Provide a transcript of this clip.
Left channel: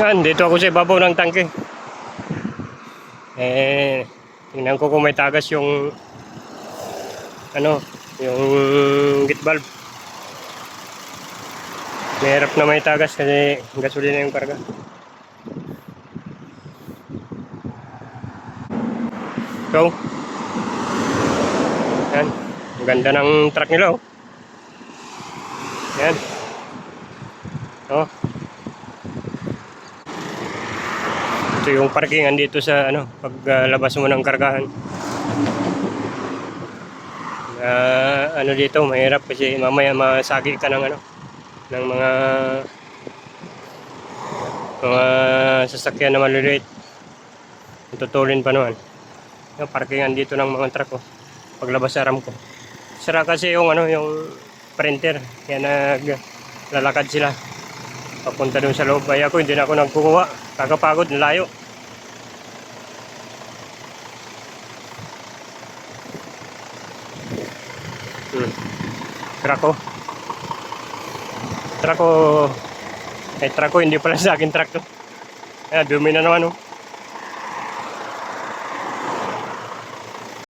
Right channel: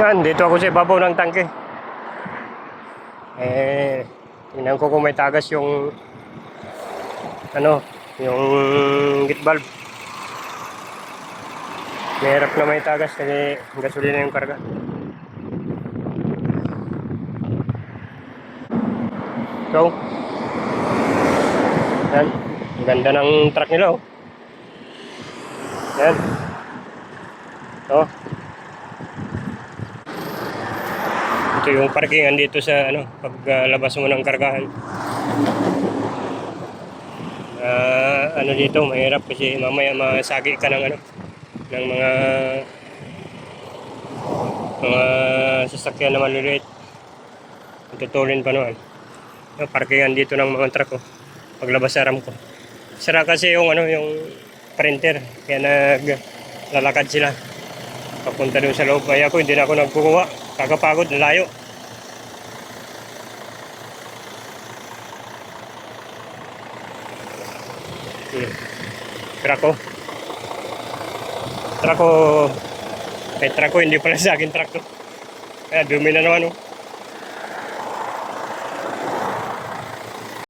Yan, dito ako sa ibabaw ng tangke. Tingnan ko kung may tagas yung yung gate valve. Mahirap na may tagas kasi gasolina yung karga. So, yan. Ang ganda ng truck nila, oh. Yan. Oh. Ito yung parkingan dito sa paglabas mo ng kargahan. Dito mahirap kasi mamaya masagi ka ng ng mga sasakyan na maliliit. Tutulin pa naman. Yung parkingan dito ng mga truck, oh. Paglabas sa ramp ko. Sira kasi yung yung printer, kaya naglalakad sila papunta doon sa loob. Kaya ako hindi na ako nagkukuha, kakapagod, layo. Truck ko, hindi pala sa akin truck to. Kaya dumi na naman, oh.